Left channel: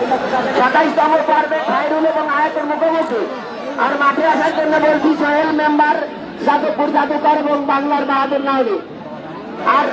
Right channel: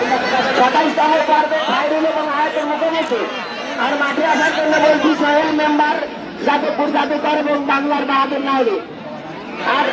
27তম পর্বে খায়রুল এবং আয়াতের মুখোমুখি। আর মাঠে আসার জন্য বলছি সোহেল মেম্বার, যাদবপুর জাদুকর এবং বাংলার বাহাদুর নাহরি। আর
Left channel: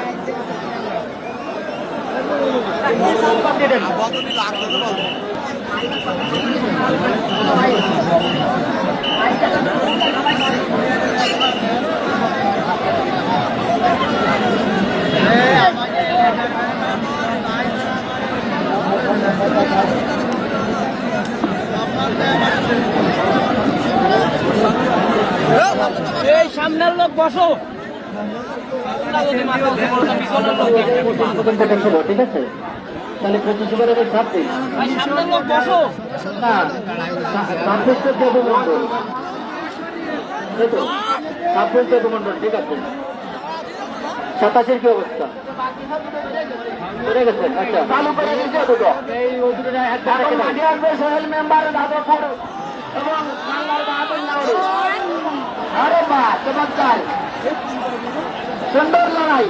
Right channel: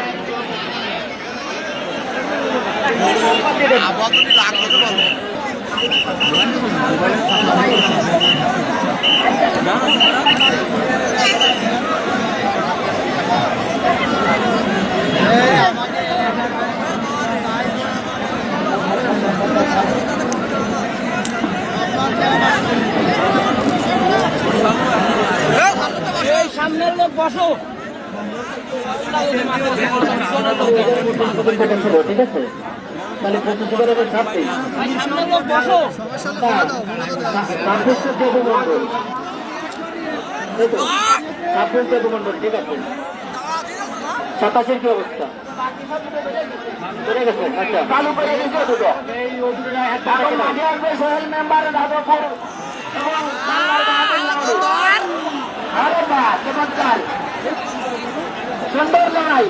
সামনের লোক বসো, ঠিক আছে, মানে প্রতিযোগিতার ছাড়তে সামনের লোক বসো। মন্ডল ঠিক আছে। 27-এর কি অবস্থা? আচ্ছা, চালু করে দিচ্ছে দুটো। মাঠে আসবে সোহেল মেম্বার, যাদবপুর এবং বাংলার বাহাদুর নাহরি। আরে বাহ, চমৎকার, সুন্দর লড়াই।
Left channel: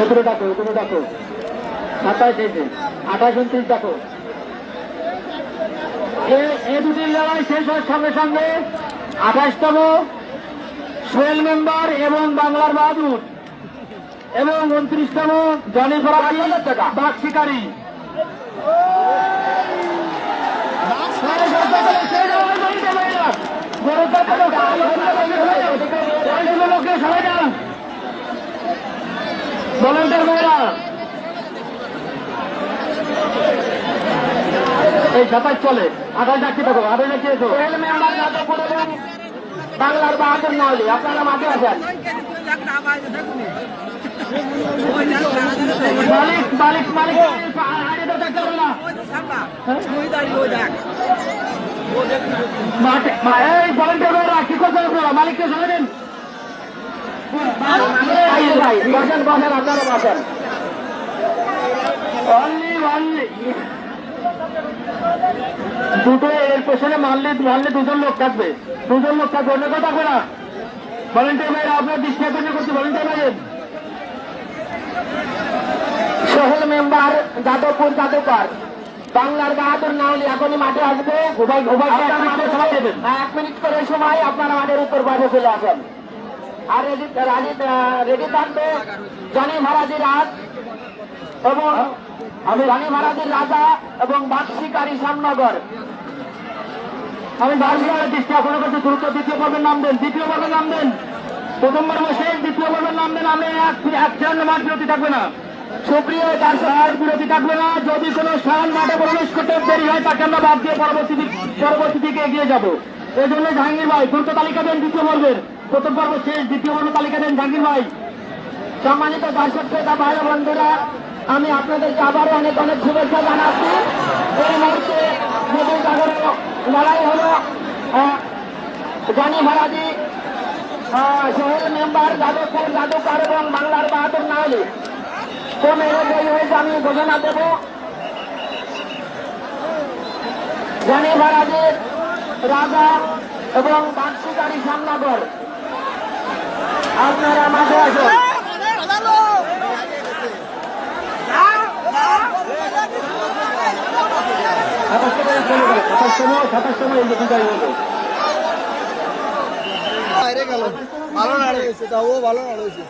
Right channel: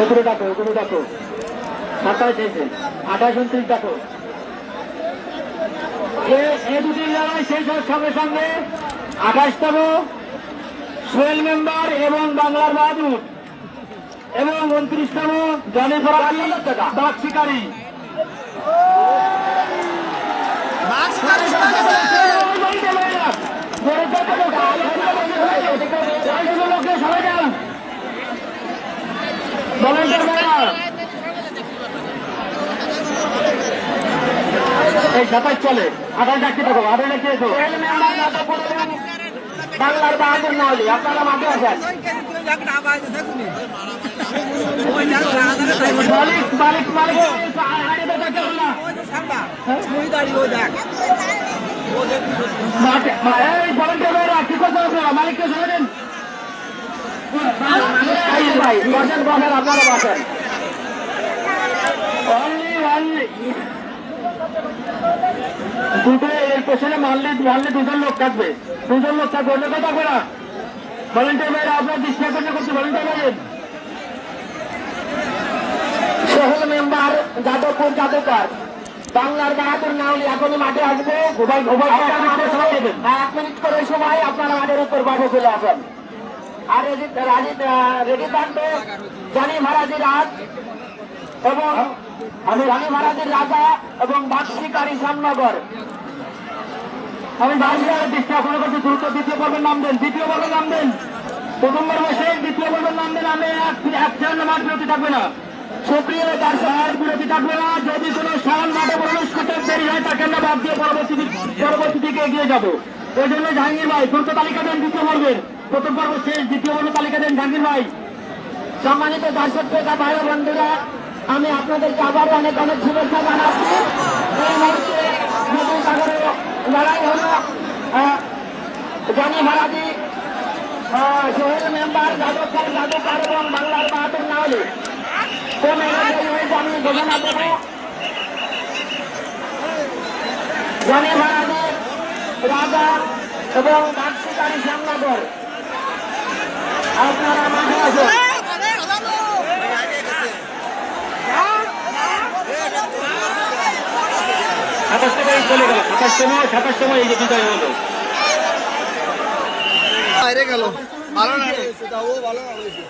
ওগুলো ডাকো, ওগুলো ডাকো। 27 এসে 28, 29 ডাকো। এই দুটি লড়াই শেষ হওয়ার সঙ্গে সঙ্গে 28তম সোহেল মেম্বার এবং বাংলার বাহাদুর এবং 29তম জনি ফরাজি বাঘ শিকারী। এই সাতাশ চলে, আঠাশ ডাকতে থাকো, আঠাশ ডাকতে এসো। বাংলার বাহাদুর নাহরি, আপনারা মাঠে আসেন। মালিক মালিককে শোনেন ভাই, বসেন বসেন, আপনারা বসেন। দুটো এর পেছনে মারলে দুজন লোক থাকবে, অন্য কেউ থাকবে না। ভলেন্টিয়ার ভাইরা আপনার দৃষ্টি আকর্ষণ করছে, ভলেন্টিয়ার ভাই। সোহেল মেম্বার, যাদবপুর জাদুকর, বাংলার বাহাদুর নাহরি এখনই মাঠে আসবে। 1 মিনিট করে সময় আপনারা মাঠের উপর বাইরে চলে আসেন। আর রেডি থাকবে জনি মহারাজি রাজ এবং জনি মহারাজির রাজা এবং বাঘ শিকারী শ্যামনগর। আমি বাংলার দৃষ্টি আপনার কাছে দ্রুত দ্বিতীয় পর্বের নাম দেন, দ্বিতীয় পর্বের নাম দেন। প্রথম পর্ব শেষ, দ্বিতীয় পর্বের নাম দেন। আমি এক সেকেন্ড মাঠ বিরতি থাকবে না, সুপ্রিয় দর্শক, বিরতি থাকবে না। যদি কোনো স্থান মাঠে প্রবেশ করতে দেরি হয় তাকে আমরা বাদ দিয়ে পরবর্তী দিকে এগিয়ে যাবো। ওই জন্য জাহাঙ্গীর ভাই দ্রুত তালিকা দেন দ্বিতীয় পর্বের। প্রথম পর্ব শেষ, দ্বিতীয় পর্ব তালিকা দেন জাহাঙ্গীর ভাই। সম্মানিত দর্শক শ্রোতা ভাই বন্ধুরা, আমি আপনাদেরকে আবার অনেক অনেক শুভেচ্ছা জানাচ্ছি। এই মুহূর্তে নদী সাগরে লড়াই হল জনি মহারাজি, সোহেল মেম্বার, যাদবপুর জাদুকর এবং বাংলার বাহাদুর নাহরি। কোন এলাকায় হয়েছে আমি ঘোষণা দেব। জনি মহারাজির রাজা এবং বাঘ শিকারী শ্যামনগর, আপনারা মাঠে আছেন। বাইরে গেল, ভালো হয়েছে, তাও ভালো হয়েছে।